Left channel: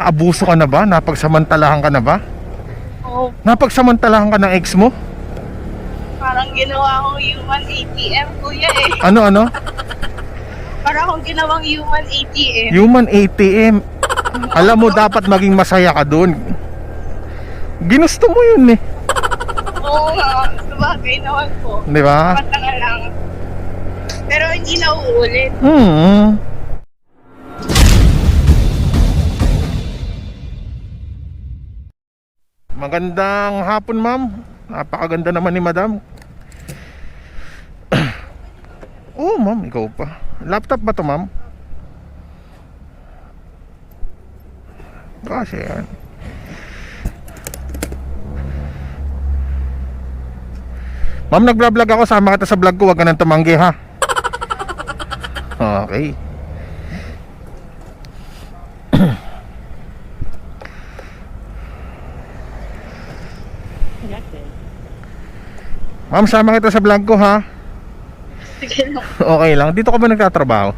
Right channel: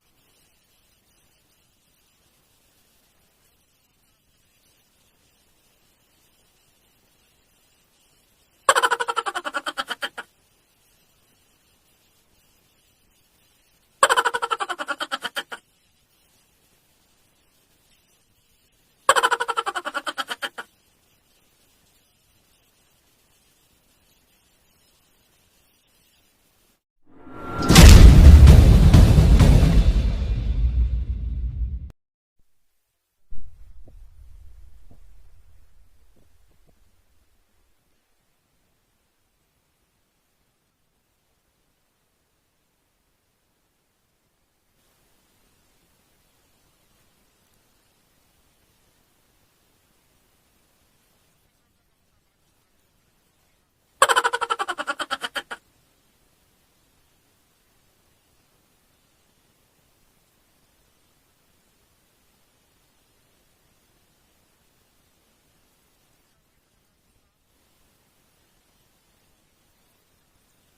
Abuso ka na ba? Napagsamantalahan ka na ba? Oo, Napagsamantalahan ka ng ex mo? parang ginawa kong human ATM, kuya eh. Ano ano? Parang akong ginawang human ATM. Human ATM. Alam mo dapat maging masaya ka doon. Ginusto mo yun eh. Oo nga, sabagay naman po. Di ba? Mata nga lang. Pero hindi na uulit. Hmm. Magandang hapon, ma'am. Napakaganda naman ni madam. Oh, ma'am, ikaw pa. Laptop ba to, ma'am? Kasi yan. Ma'am, nagblog ako. Sama kita sa vlog ko. Huwag ka nang tumanggi, ha? Okay. Ma'am, sama kita sa vlog ko ha. Sige lang. Okay lang. Dito ka ba nagtatrabaho?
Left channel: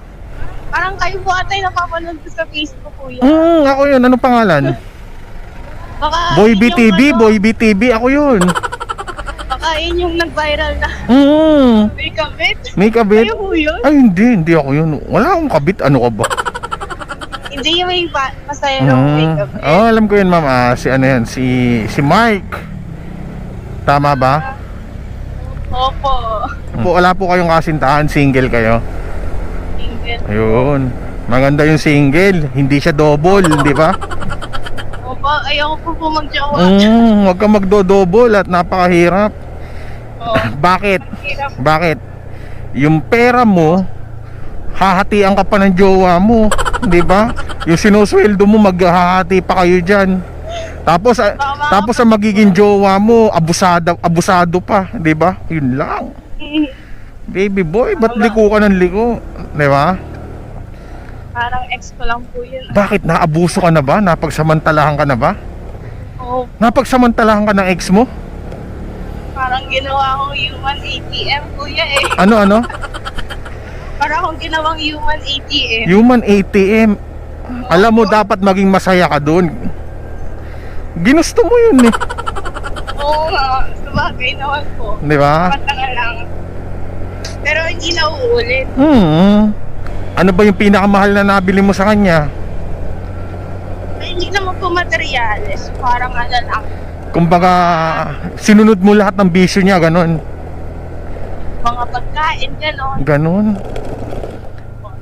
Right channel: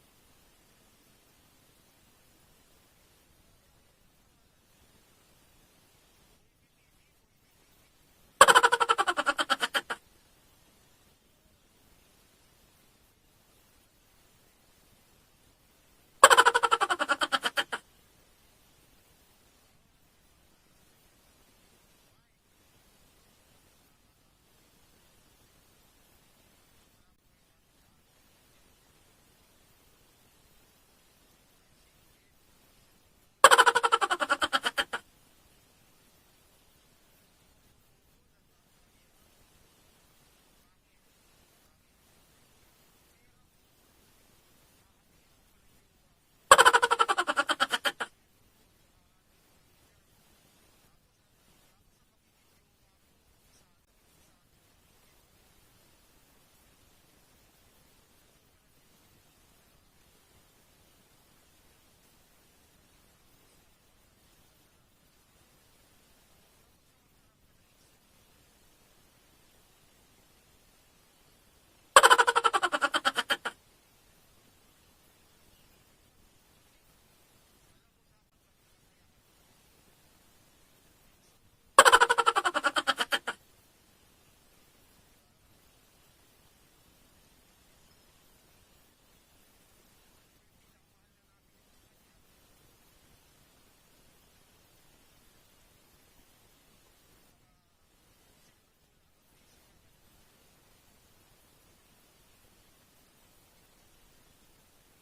Parang kayo po ata yung napapanood ko sa Facebook, kuya. Hmm, ako yun. Anong pangalan? Baka Boy yun yung BTV, ano, Boy BTV. Ako yun. Baka yun yung nag-viral na Hmm. may kabit. May kabit? Kayo po yun? Ay, hindi. Hindi ako yun. Wala akong kabit. Ano ka ba? Hindi yung may pa- masaya lang may Hmm. kabit. Oh, alam ko yun, ma'am. Ah, si ano yan? Si, si Mike. Tama ba? Opo. Po, wala po kayong kasintahan. Single kayo. Single. Ayun. Maganda yung single. Hindi siya double, di ba? Opo, ayoko po po mag-jowa. Mm, huwag ka magdo-double at napakahirap. Oo. Bakit? Hirap. Bakit? Yung pera mo, hahatian ka pa ng jowa mo, 'di ba? Yung sinusweldo mo maghahati pa kayo diyan. Tapos ah, tapos ang magiging jowa mo, abusado abusado pa, 'di ba? Yun lang. Baby boy, ba't liko ka ng liko? 'Di ba? Parang ex ko lang po yun. Bakit naabuso ka na ba? Napagsamantalahan ka na ba? Oo, Napagsamantalahan ka ng ex mo? parang ginawa kong human ATM, kuya eh. Ano ano? Parang akong ginawang human ATM. Human ATM. Alam mo dapat maging masaya ka doon. Ginusto mo yun eh. Oo nga, sabagay naman po. Di ba? Mata nga lang. Pero hindi na uulit. Hmm. Ano ba yung pinakamahal na nabili mo sa kanya? Ay, hindi naman po materyales. Parang ano lang. Kumbaga, sinunod mo lahat ng bisyo niya, ganon. Mga pagkain, gano'n. Ganon.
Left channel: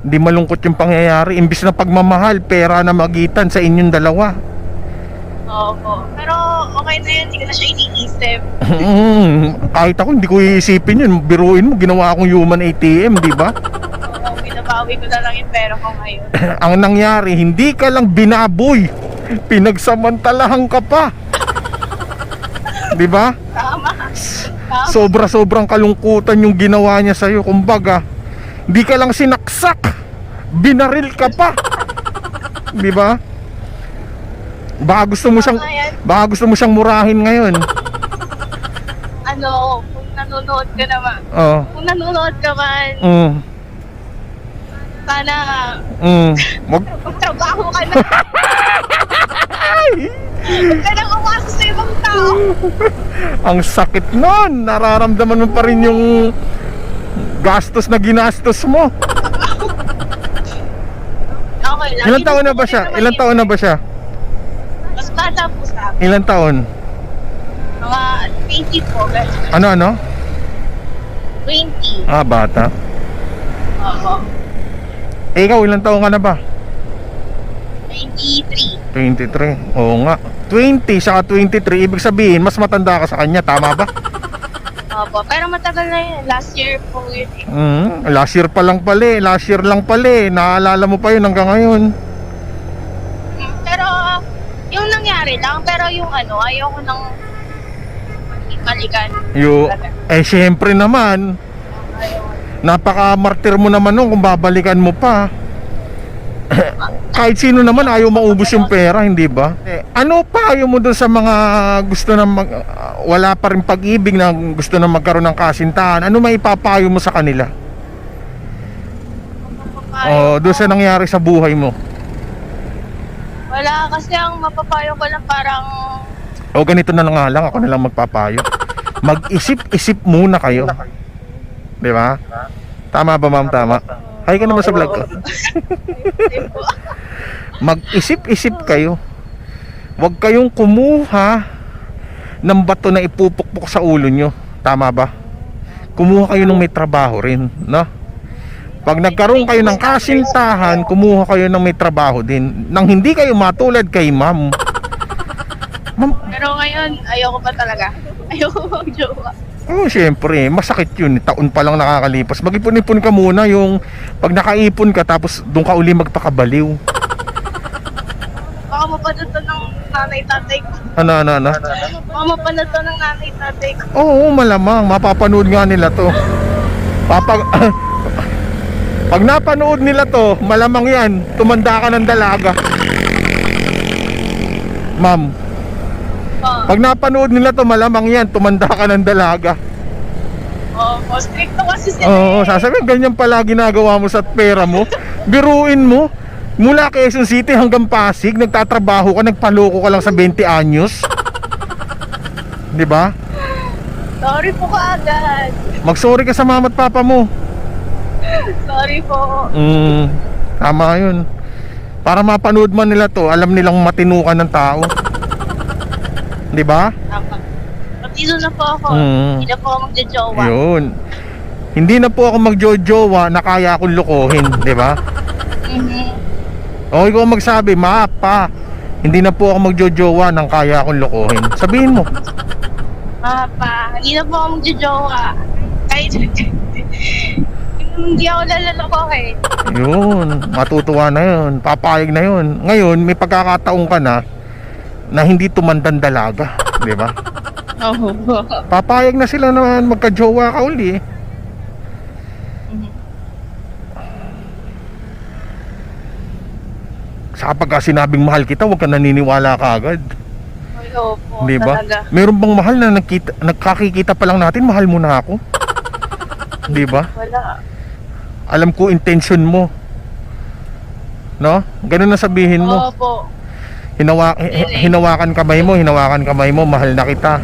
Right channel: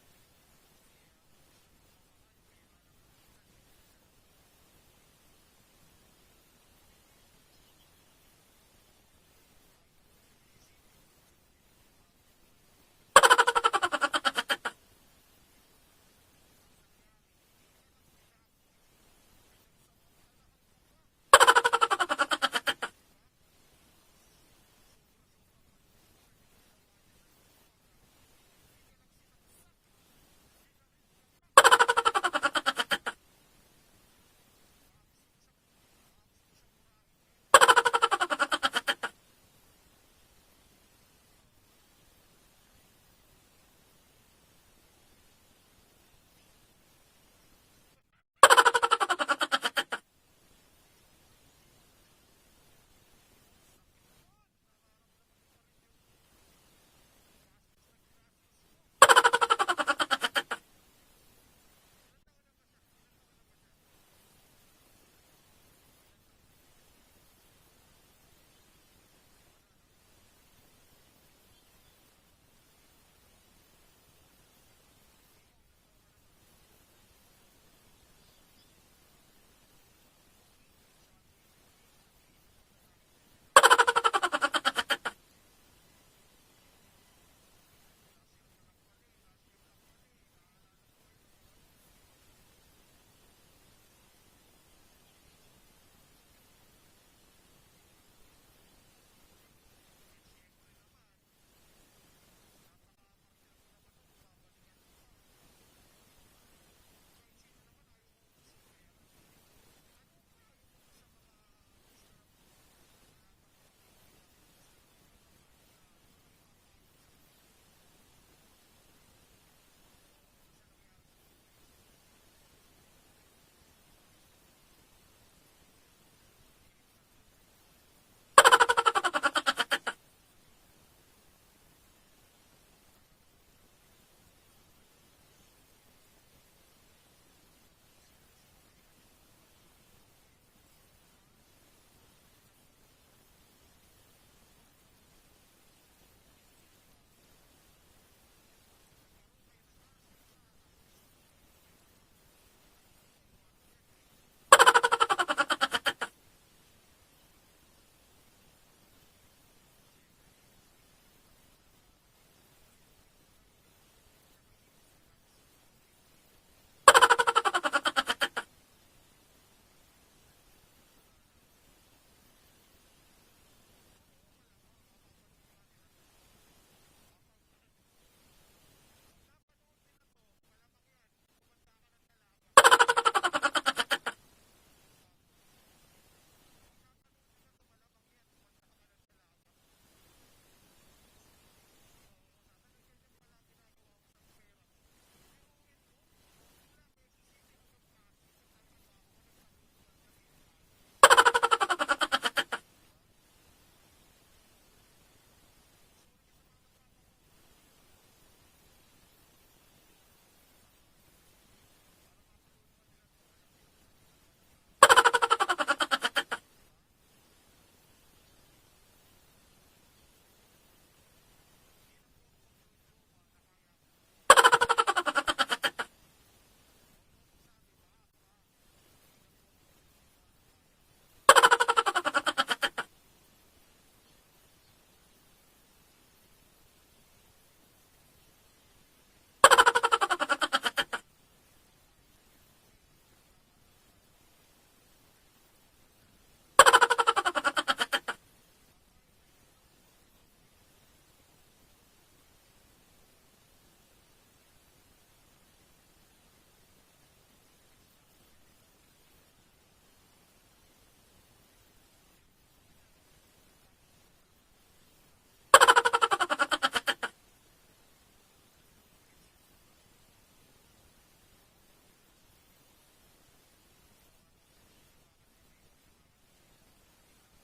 Hindi malungkot yung pangyayari. Imbis na pagmamahal, pera na magitan sa inyong dalawa. Opo. Pero okay na yun, hindi ko na siya iniisip. Hmm. Kahit ako, hindi ko iisipin yun. Biruin mo, ginawa akong human ATM, di ba? Oo, binabawi ko na lang yung pera ko ngayon. Ang nangyari, hindi ka lang binaboy. Pinagsamantalahan ka pa. Di ba? Tama. Tama. Sobra-sobrang kalungkutan yung ginawa niya sa'yo. Kumbaga, di ka lang sinaksak. Binaril ka pa. Di ba? Baka gusto mo siyang baka gusto mo siyang murahin ngayon. Ano, kung nanonood ka naman. Oh. Kung nanonood ka man, Mm. sana Mm. Wag magtrabaho ka na. Huwag ka nang umasa sa ibang tao. ang sakit nun. Nararamdaman mo pa rin yung gastos na ginastos mo. Okay lang. Ilang taon na ba siya? Ilang taon na ba siya? Mas bata po sa akin. Ilang taon? Mga 20 po. guys. Ano ano? 20. Ah, bata. Oo. Eh, ikaw, ilang taon ka na ba? 23. 23. Oo nga. 20 saka 23, ibig sabihin, mas matanda ka sa kanya, tama ba? Opo. Pero matagal na yun. Last year po yun. Mm, last year pa lang pala eh. Last year lang pala eh. Naalala mo pa yun hanggang ngayon. Mm, Pero yung nangyari lang. Pero yung ano, ayoko nang balikan. Yo, eh syempre naman, napaka-martir mo naman nun kung babalikan mo pa. Kahit sino naman ayaw maubos yung pera, hindi ba? Eh, ano pa ayaw mo dun sa mga gusto na mag, wala pa rin pag-ibig na gusto na magkaroon ng kasintahan? Ano maipapayo mo sa kanila? Oh, doon sa nangyari sa buhay mo. Wala kasi ang mapapayo ko lang parang O ganito na lang nga lang, ako na lang magpapayo. Mag-isip-isip muna kayo. Di ba? Tama ba ma'am? Tama. Hi ka naman sa vlog ko. Mag-isip-isip kayo. Huwag kayong kumuha ng bato na ipupukpok sa ulo nyo. Tama ba? Kumuha kayo ng may trabaho rin, no? Pag nagkaroon kayo ng kasintahan, kumuha kayo ng may trabaho din. Nang hindi kayo matulad kay ma'am. Ma'am, Pero ngayon, ayoko pa talaga. Ayoko mag-jowa. Oh, syempre, masakit yun. Taon pa lang nakakalipas. Mag-ipon-ipon ka muna yung pag nakaipon ka tapos doon ka uli magpakabaliw. Baka mapanuto ng nanay-tatay ko. Ano, ano, ano? Baka mapanuto ng nanay-tatay ko. Oo, malamang. Mapapanood nga nila to. Papag... pag napanood nila to, malamang yan. Tumanda ka ng dalaga. Ma'am, Oh, pag napanood nila to, malamang yan. Tumanda ka ng dalaga. oh, oh, stricto kasi sila. Oo, eh. sasabihin, ganyan pala ginagawa mo sa pera mo. Biruin mo, mula Quezon City hanggang Pasig, nagtatrabaho ka, nagpaloko ka lang sa 20 anyos. 'Di ba? Sorry po kaagad. Magsorry ka sa mama at papa mo. Sorry po. Mm, tama 'yun. Para mapanood man nila 'to, alam nilang matinukan ng tao. 'Di ba? Tama. Matino na po ako. Mm. Hindi na po ako magja-jowa. 'Yun. Hindi na po ako magjojowa na kaya akong lokohin, 'di ba? Mhm. O ikaw ang magsabi, ma, pa, hindi na po ako magjojowa nang kaya akong lokohin. Sabihin mo. Ah, pa, hindi na po ako magja-jowa. Kahit hindi ako lalaloko eh. Yun, matutuwa na yun. Papayag na yun. Ngayon, may pagkakataon ka na na hindi tumandan dalaga. Di ba? Oo. Papayag na sila na magka-jowa ka uli. Sa kapag sinabing mahal kita, huwag ka naniniwala ka agad. Opo, Di ba? talaga. Meron bang mahal na nagkita, nagkakikita pa lang natin, mahal mo na ako? Di ba? Wala. Alam ko intention mo. No? Ganun na sabihin mo. Opo. Hinawa, hi- hinawakan kamay mo, hinawakan kamay mo, mahal na kita.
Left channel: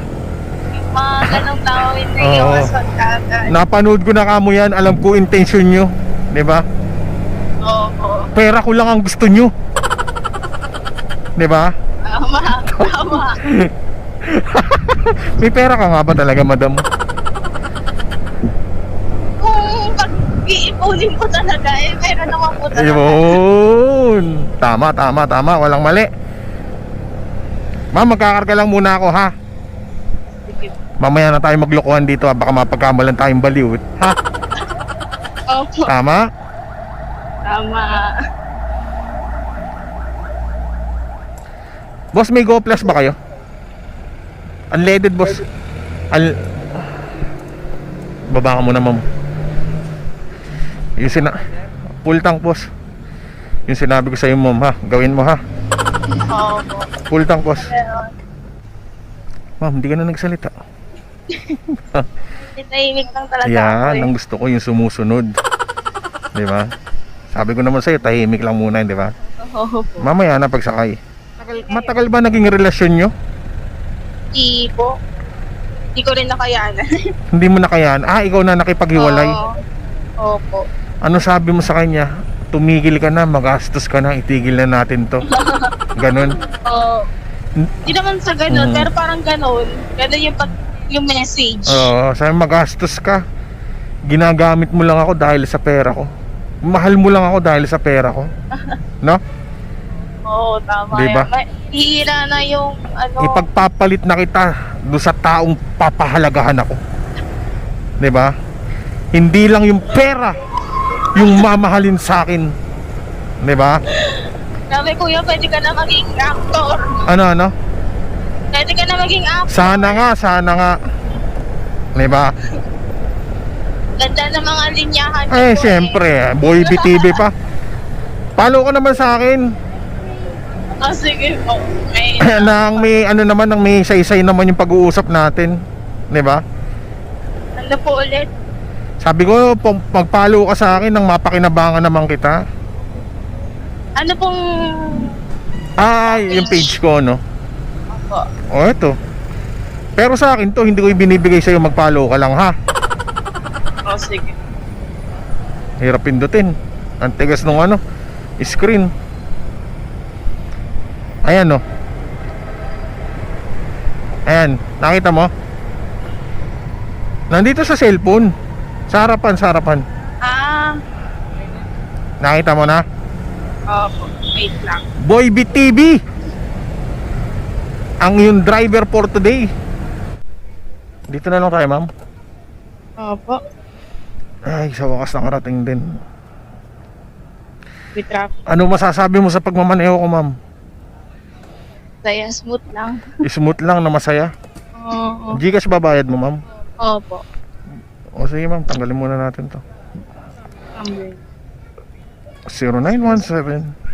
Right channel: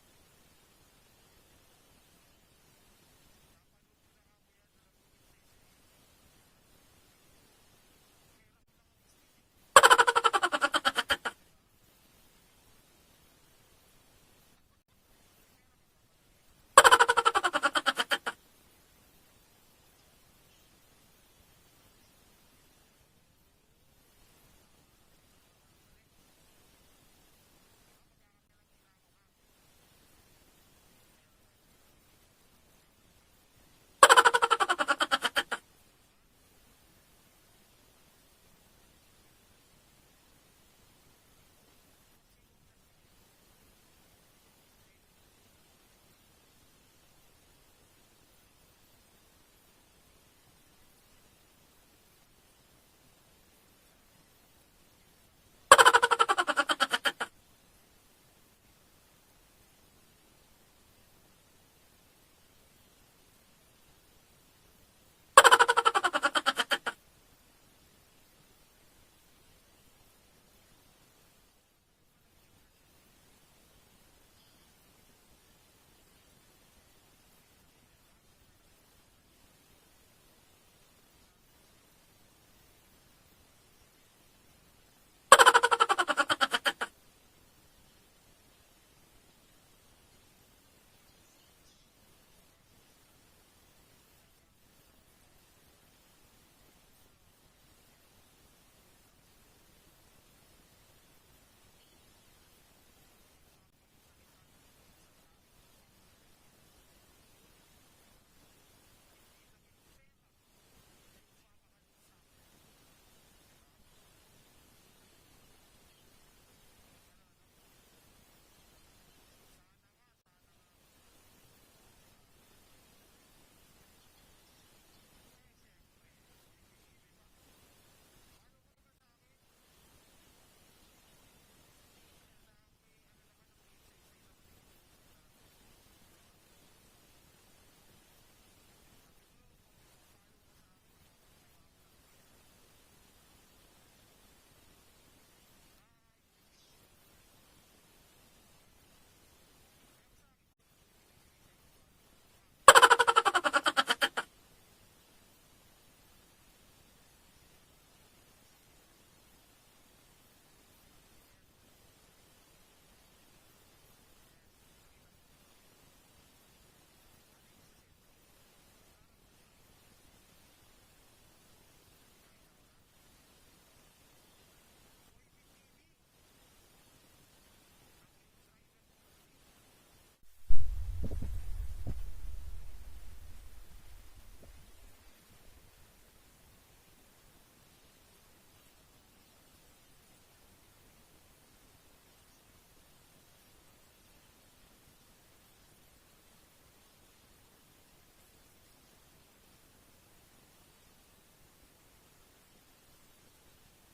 Mga ganong tao hindi Oo. yung. Napanood ko na kamo yan, alam ko intention nyo. 'Di ba? Opo. Pera ko lang ang gusto nyo. 'Di ba? Tama. Tama. May pera ka nga ba talaga, madam? Kung pag-iipunin ko talaga, eh, meron naman po talaga. Ayun. Tama, tama, tama. Walang mali. Ma'am, magkakarga lang muna ako, ha? Sige. Mamaya na tayo maglokohan dito, ha? Baka mapagkamalan tayong baliw. Ha? Opo. Tama? Tama. Boss, may Go Plus ba kayo? Unleaded, boss. Al... Baba ka muna, ma'am. Yung sina... Full tank, boss. Yung sinabi ko sa iyo, ma'am, ha? Gawin mo, ha? Full tank, boss. Ma'am, hindi ka na nagsalita. Tinahimik lang talaga ako Yan, eh. ang gusto ko yung sumusunod. di ba? Sabi ko naman sa'yo, tahimik lang muna, di ba? Opo. Mamaya na pagsakay. Matagal ba naging relasyon nyo? Di po. Di ko rin nakayanan. Hindi mo na kayaan. Ah, ikaw na nakipaghiwalay. Oo. Opo. Ano sabi mo sa kanya? Tumigil ka na, magastos ka na, itigil na natin to. Ganon. Oo. Di naman sa ganun, Mhm. pero parang ganun. Ganun yung, pag, yung message. Oo, sabi magastos ka. Ginagamit mo lang ako dahil sa pera ko. Mahal mo lang ako dahil sa pera ko. No? Oo, tama Di ba? yan. Ma- na yung ano. Ipagpapalit na kita do sa taong papahalagahan ako. 'Di ba? Hindi lang yung pera yung mamahalin sa akin. 'Di ba? Sabi kuya, pwede ka na maging actor. Ano ano? Pwede ka na maging actor. Sana nga, sana nga. 'Di ba? Ganda ng mga linyahan niyo Eh, po syempre, boy BTV pa. Follow ka naman sa akin. Eh. Oh, sige po. May, nang may ano naman, nang may saysay naman yung pag-uusap natin. 'Di ba? ano po ulit? Sabi ko, pag pag-follow ka sa akin nang mapakinabangan naman kita. Ano pong Ah, yung page ko, no? Opo. O, eto. Pero sa akin to, hindi ko ibinibigay sa'yo mag-follow ka lang, ha? Oh, sige. Hirap pindutin. Ang tigas nung ano, screen. Ayan, no? Ayan, nakita mo? Nandito sa cellphone. Sa harapan, sa harapan. Ah, Nakita mo na? opo. Wait lang. Boy BTV Ang yung driver for today Dito na lang tayo ma'am Opo. Ay sa wakas nakarating din With traffic. Ano masasabi mo sa pagmamaneho ko ma'am? Saya smooth lang. Smooth lang na masaya Oo. Gcash babayad mo ma'am Opo. O sige ma'am tanggalin muna natin to I'm ready. 0917